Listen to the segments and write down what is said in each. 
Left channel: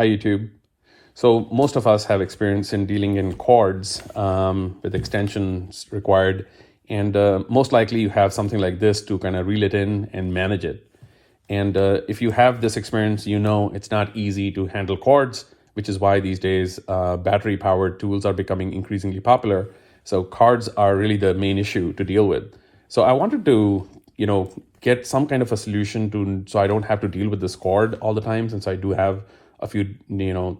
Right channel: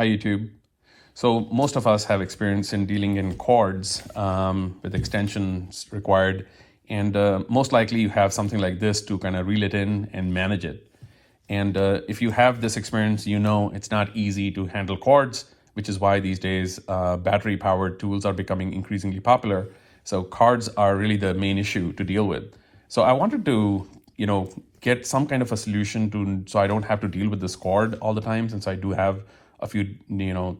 Hi, YouTube. So most of us have experience in dealing in cords with extensions required. And most likely you have something like this to kind of reel it in and manage it. And if you have this experience, you know it's not easy to handle cords, which is why these days battery-powered tools are becoming increasingly popular. So cords are really the main issue to deal with. So I wanted to, get some kind of a solution so I don't have to deal with this cord all the time, since I do have a few,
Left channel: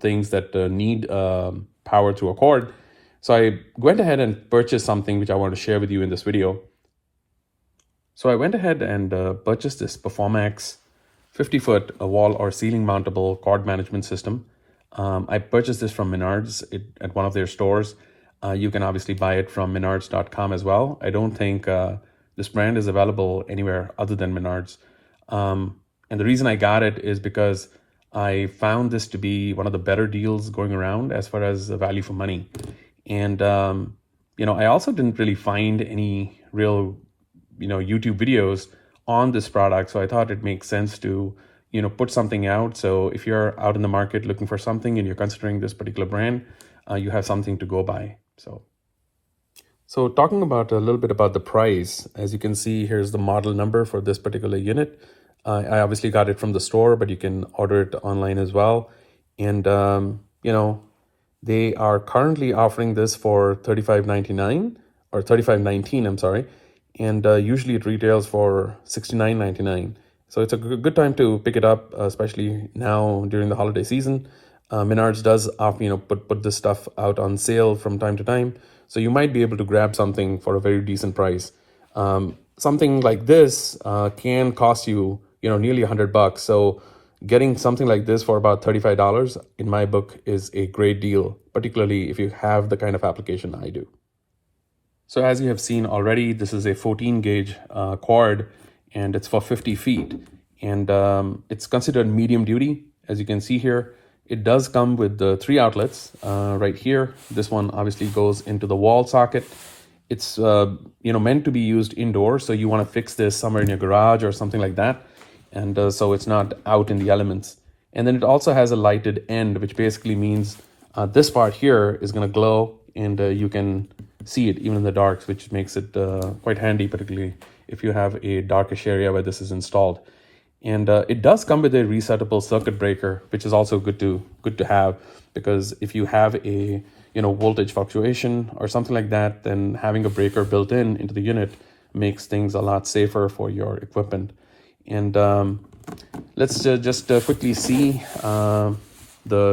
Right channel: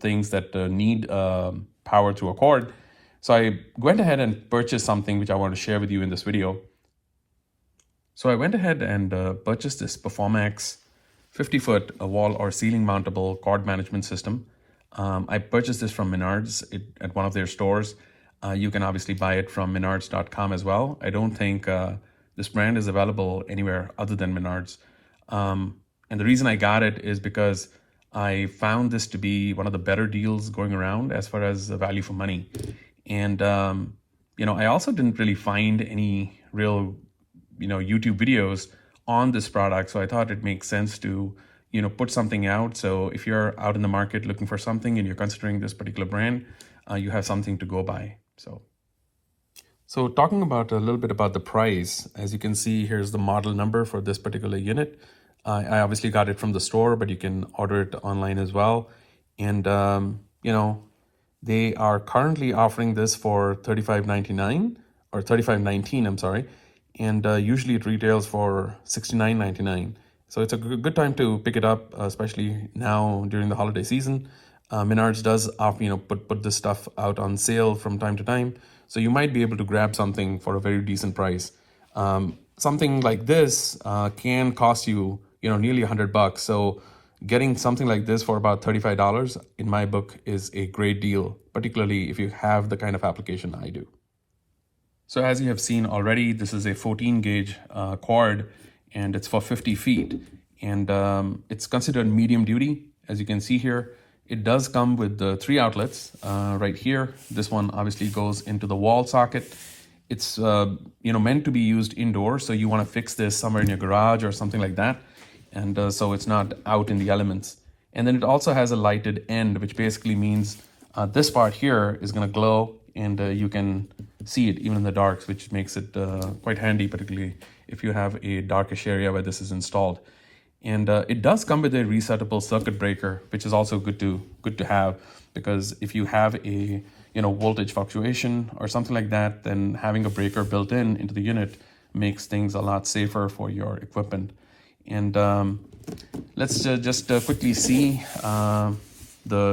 things that need power through a cord. So I went ahead and purchased something which I want to share with you in this video. So I went ahead and purchased this Performax 50-foot wall or ceiling mountable cord management system. I purchased this from Menards at one of their stores. You can obviously buy it from Menards.com as well. I don't think this brand is available anywhere other than Menards. And the reason I got it is because I found this to be one of the better deals going around as far as the value for money. And, I also didn't really find any real, YouTube videos on this product. So I thought it makes sense to, put something out. So if you're out in the market looking for something and you're considering this particular brand, you have something to go by. So talking about a little bit about the price, as you can see, here's the model number for this particular unit. I obviously got it from the store, but you can order it online as well. And, they are currently offering this for $35.99 or $35.19, I'm sorry. And usually it retails for $69.99. So it's a good time to pick it up, especially now during the holiday season. Menards does, put this stuff out on sale from time to time. So you might be able to grab something for a very decent price. Something like this can cost you, nearly $100. So getting something like this for about $35 in my book is a great deal, particularly if you have the kind of application I do. So as you have seen already, this is a 14 gauge cord and it's for 50 feet. And it's considered medium duty. As you can see here, it does come with the 3 outlets right here. This one obviously goes into the wall socket. It's meant to be used indoors, so you want to fix this somewhere in your garage or something like that, and so it's not out in the elements. And then it also has a lighted end, which basically means this part here is going to glow, and you can see it even in the dark, which makes it quite handy, particularly if you have a darkish area where this is installed. And it does come with a resettable circuit breaker, which is also good to have, because if you have a voltage fluctuation or something like that, then having a breaker built into the unit makes things a lot safer for your equipment. And let's just quickly see the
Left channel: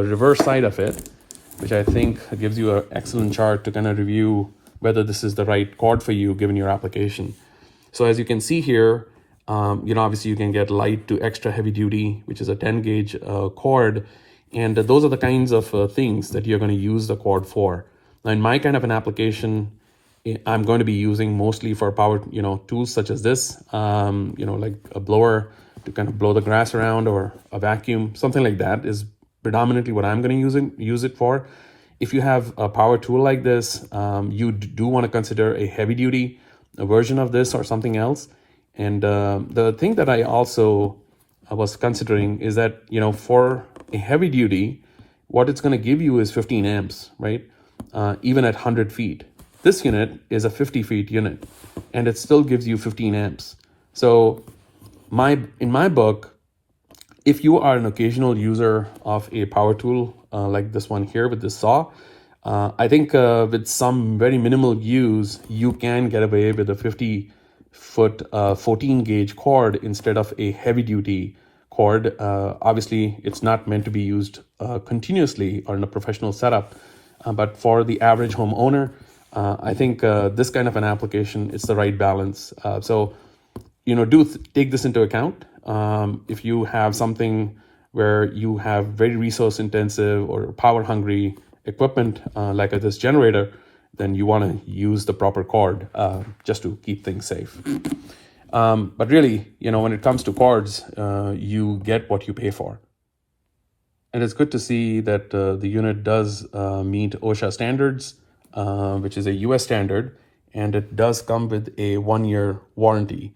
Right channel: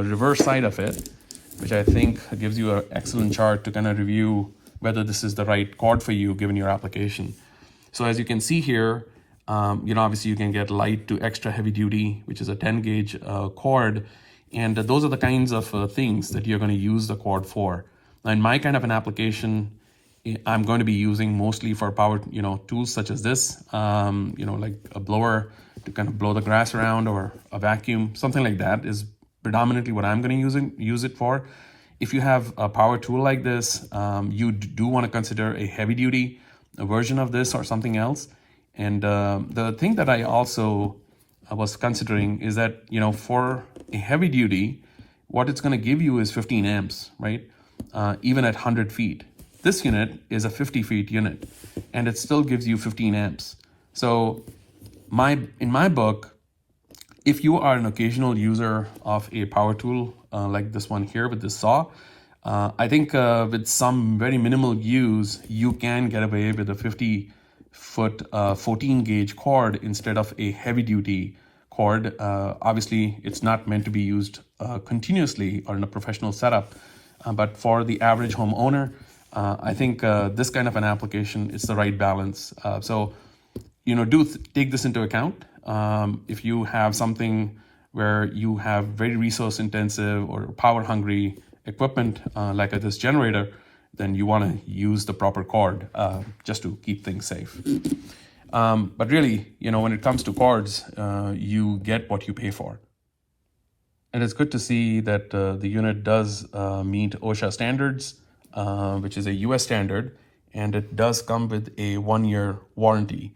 reverse side of it, which I think gives you an excellent chart to kind of review whether this is the right cord for you given your application. So as you can see here, obviously you can get light to extra heavy duty, which is a 10 gauge cord. And those are the kinds of things that you're going to use the cord for. Now, in my kind of an application, I'm going to be using mostly for power, tools such as this, like a blower to kind of blow the grass around, or a vacuum, something like that is predominantly what I'm going to use it for. If you have a power tool like this, you do want to consider a heavy duty version of this or something else. And the thing that I also was considering is that, for a heavy duty, what it's going to give you is 15 amps, right? Even at 100 feet. This unit is a 50 feet unit, and it still gives you 15 amps. So in my book, if you are an occasional user of a power tool like this one here with this saw, I think with some very minimal use, you can get away with a 50-foot 14 gauge cord instead of a heavy duty cord. Obviously, it's not meant to be used continuously or in a professional setup, but for the average homeowner, I think this kind of an application is the right balance. So take this into account. If you have something where you have very resource intensive or power hungry equipment like this generator, then you want to use the proper cord just to keep things safe. But really, when it comes to cords, you get what you pay for. And it's good to see that the unit does meet OSHA standards, which is a US standard, and it does come with a 1-year warranty.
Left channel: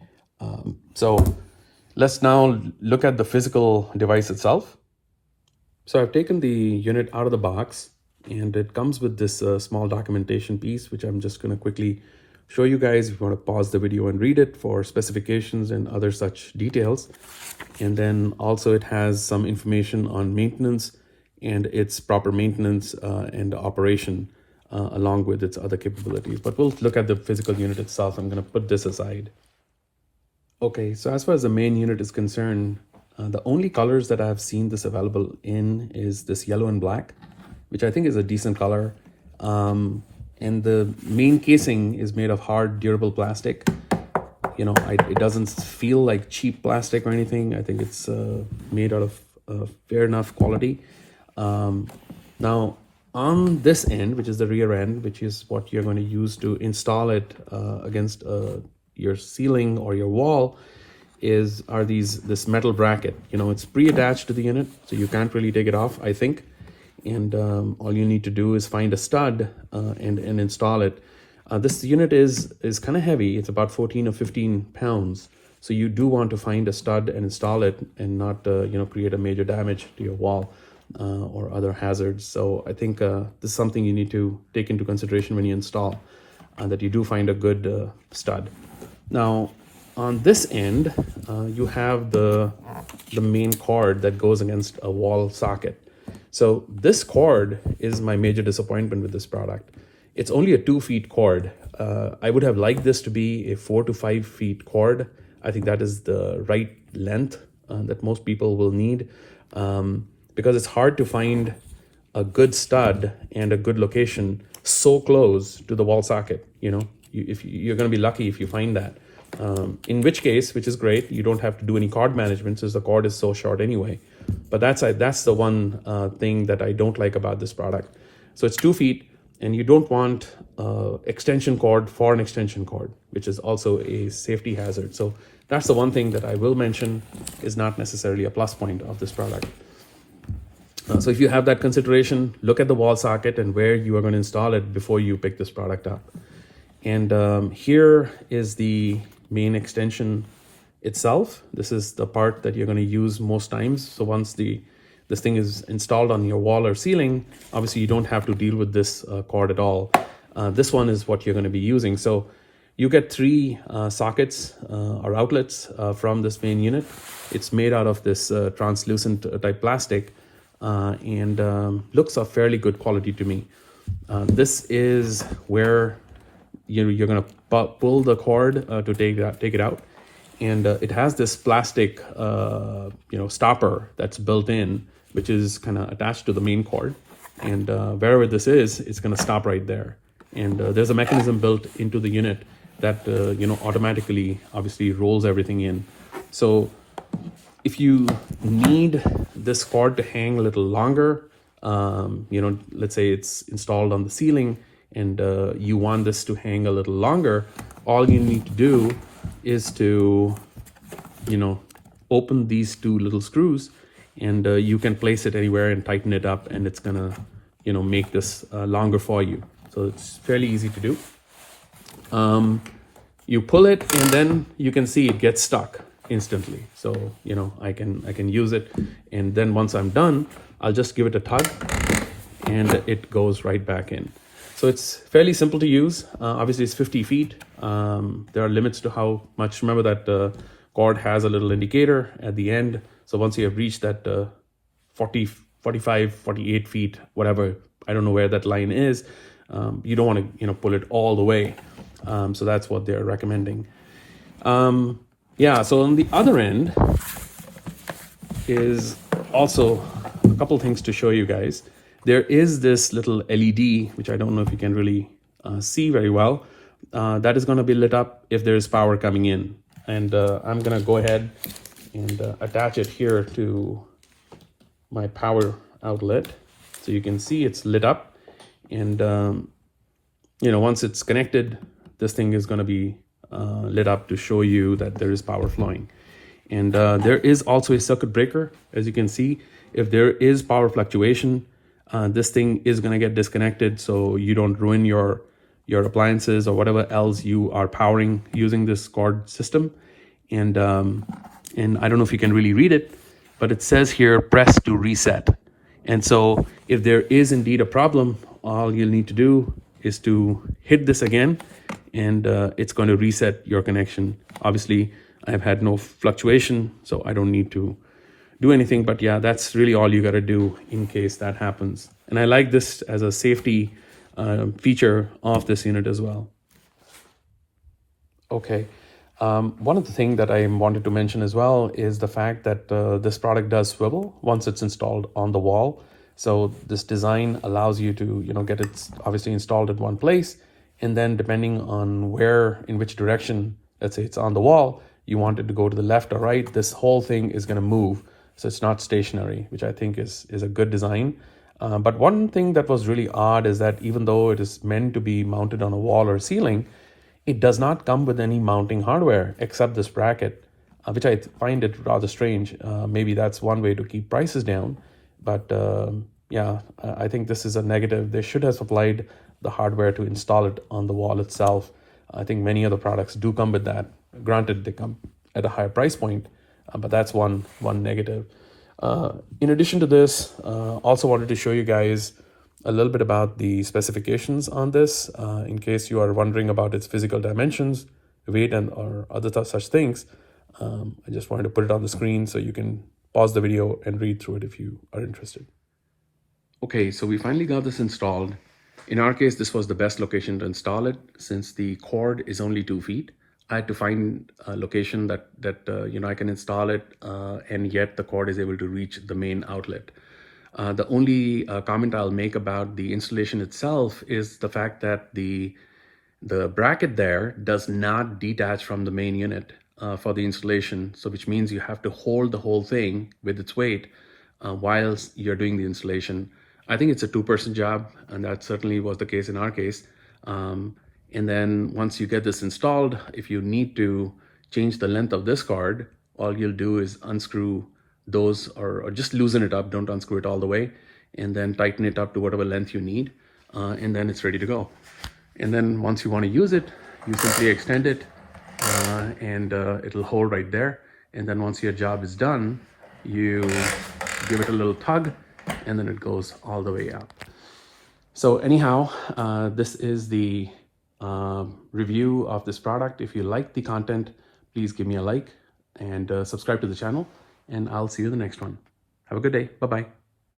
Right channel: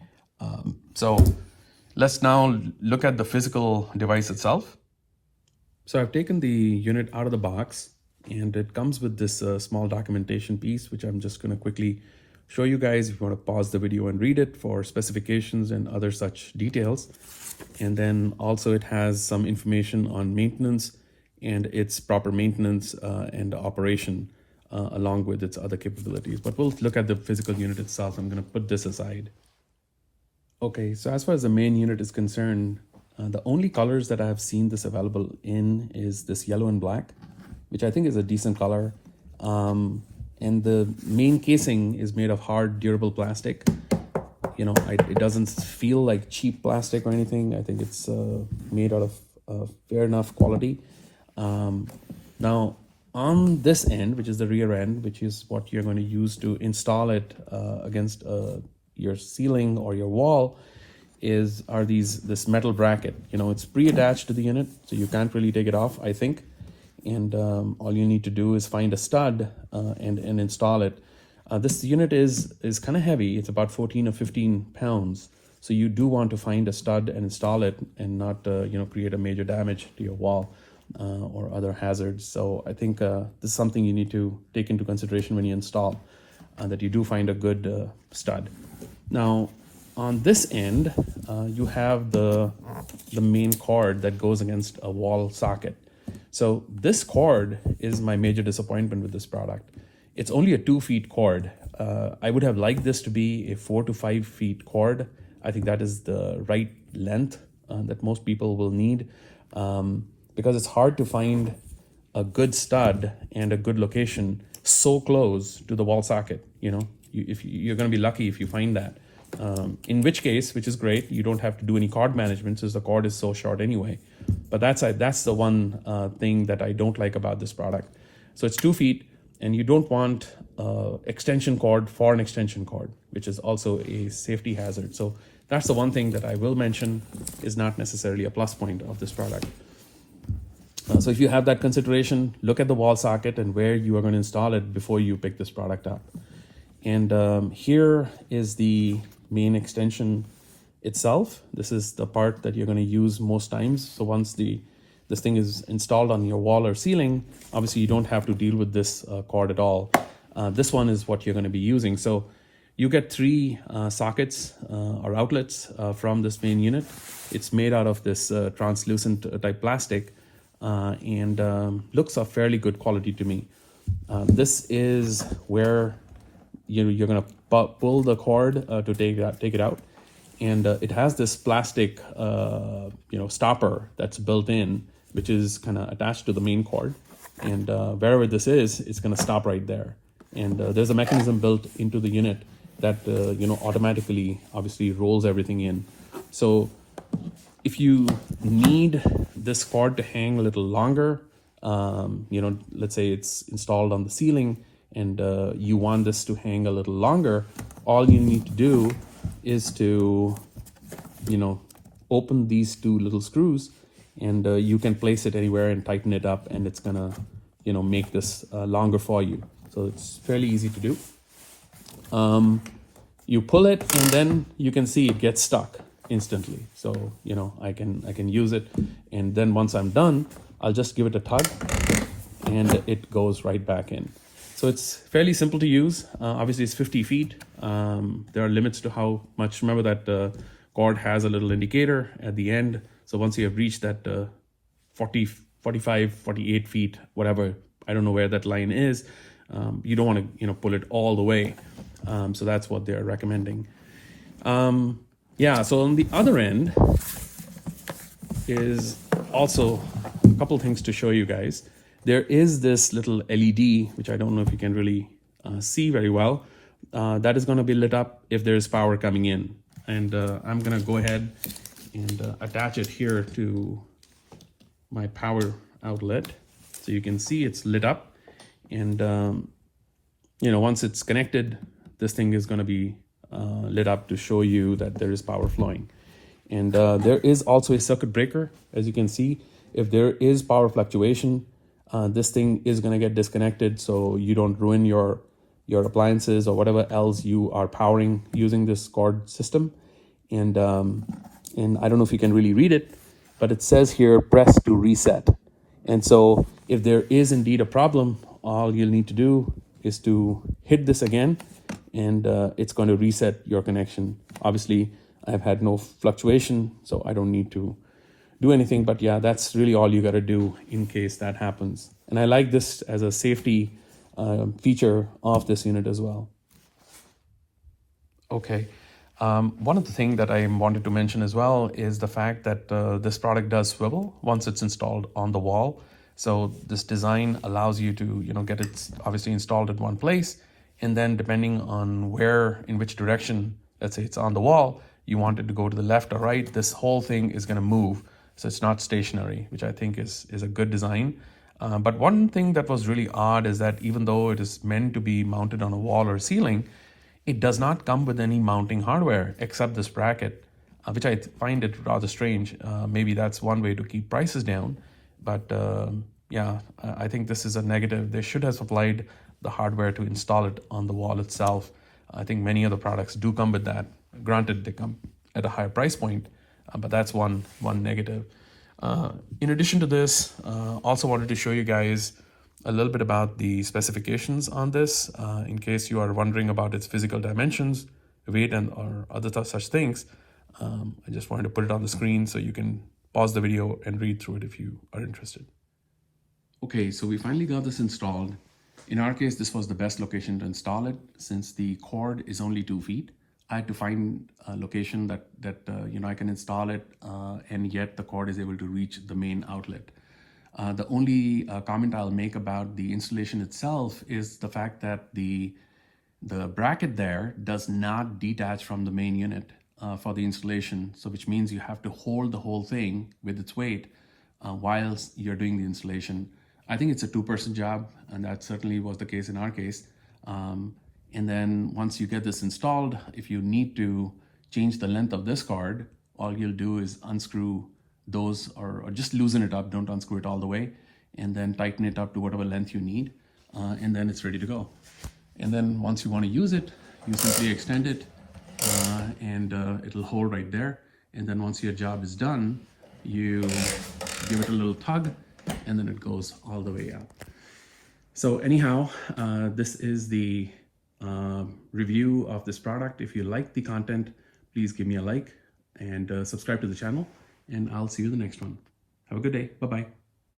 So let's now look at the physical device itself. So I've taken the unit out of the box, and it comes with this small documentation piece, which I'm just going to quickly show you guys if you want to pause the video and read it for specifications and other such details. And then also it has some information on maintenance and its proper maintenance and operation along with its other capabilities. But we'll look at the physical unit itself. I'm going to put this aside. Okay, so as far as the main unit is concerned, the only colors that I've seen this available in is this yellow and black, which I think is a decent color. And the main casing is made of hard, durable plastic. You know, it doesn't feel like cheap plastic or anything. I think it's made out of fair enough quality. Now, on this end, which is the rear end, which is what you're going to use to install it against your ceiling or your wall, are this metal bracket. You know, it's pre-attached to the unit, so you can't really take it off, I think. And all you need to do is find a stud and install it. This unit is kind of heavy. It's about 14 or 15 pounds. So you do want to find a stud and install it and not create a major damage to your wall or other hazards. So I think this is something you need to take into consideration when you install, that you do find a good stud. Now, on this end, you have the main cord that goes against a wall socket. So this cord is my major disappointment with this product. It's only a 2 feet cord. I would have liked this to be a 4 to 5 feet cord. I think that is the right length that most people will need, because it's hard to find a good stud and a good location so close to the wall socket. You know, you're going to be lucky if you find that. In which case, which is great, you don't have to do any cord management since the cord is so short anyway. But that's the one thing that I don't like about this product. So it's 2 feet, and you don't want extension cord for an extension cord, which is also a safety hazard. So that's the one thing that I will mention is not necessarily a plus point of this product. So if you have that consideration, look at the wall socket and where you are going to install it before you pick this product up. And here is the main extension itself. This is the part that you're going to use most times. So once this thing is installed on your wall or ceiling, obviously you don't have to deal with this cord at all. This one is what you're going to be using. So you get 3 sockets or outlets from this main unit. It's made out of this translucent type plastic and looks of fairly good quality to me. This is where you're going to pull the cord to take it out. And it has this plastic, stopper that's built in, which is kind of attached to the main cord. And wherever this is, it's going to stop right there. And there's a mechanism built into the unit that, automatically, obviously, rolls everything in. So if you need this cord to hang a little longer, let's say it's installed on the ceiling and you want this to hang a little longer, all you need to do is to, open these 2 little screws, and you can place it anywhere and tighten it up, and it's gonna, make this longer for you. So it's fairly easy to do. You pull it, and then you can see it gets stuck instantly. So, I can use it, and then once I'm done, I'll just give it a tug, and it goes right back in. So it's fairly simple to use. Obviously, it's 50 feet. There are limits to how much. Remember that cord has a little indicator at the end. So once you have reached that 40, 45, 48 feet, whatever, I don't know where that line is, you don't want to pull it all the way. So that's what they're recommending. So on the other end is also a couple things to show you guys. There is this little LED, which I don't know if you can really see very well, that is going to be lit up if there's power coming in. And I'm going to go ahead and attach it here to my power outlet. So you can see it's lit up. And, once it's connected, this thing is going to be lit up to show you that there is power flowing. And there is also a circuit breaker. As you can see, if there is power fluctuation, this thing is going to get disconnected so you don't ruin your appliances or whatever else you are powering using this cord system. And I don't know if you can really read it, but it says here, press to reset. And so if there is indeed a problem, all you'll need to do is to hit this again, and it's going to reset your connection. Obviously, I've had no fluctuation, so I don't need to do anything. But yeah, that's really all you got to do in case that happens. And I like this as a safety feature of this unit as well. Okay. One of the things that I wanted to mention as well is the fact that this product does swivel once it's installed on the wall. So this design allows you to, get it obviously installed at one place, and then depending on in which direction, let's say it's on the wall, you want it to go to the left or right, this whole thing is going to move. So it's not stationary, which I think is a good design. But one thing that was really odd is that even though it is meant to be mounted on a wall or ceiling, it does not come with any mounting hardware except this bracket, which I find it rather strange. Maybe that's one way to keep prices down. But yeah, I think this is a negative. They should have supplied the hardware to install it on the wall itself. I think many other products do come with that. Granted, they come at a higher price point, but that's one negative. In addition to this, also wanted to show you guys a little bit about the specifications on this, in case you are wondering about its physical dimensions, weight, or other such things. I just wanted to put it on the screen so you can pause the video and read through it if you are interested. Okay, so we finally got this installed. In our case, this was the best location to install it since the cord is only 2 feet. I had to find a location that I can install it, and yet the cord is able to reach the main outlet. The only comment I'll make about the installation itself is the fact that the bracket there does not detach from the main unit for the installation. So which means you have to hold the whole thing with its weight whilst you're doing the installation. I think it's a 2-person job, and that certainly was the case in our case. And then once you get this installed, if you need to change the length of this cord, all you'll do is unscrew those or just loosen it up. Don't unscrew it all the way, and then tighten it up to whatever length you need, and then it's ready to go. And then once you want to use it, you simply extend it, and it'll hold right there. And then once your job is done, you give it a little tug, and then it goes all the way out. So anyhow, this is the review of this product. If you like the content, please give me a like and subscribe to the channel, and I'll see you in the next one. Have a good day. Bye-bye.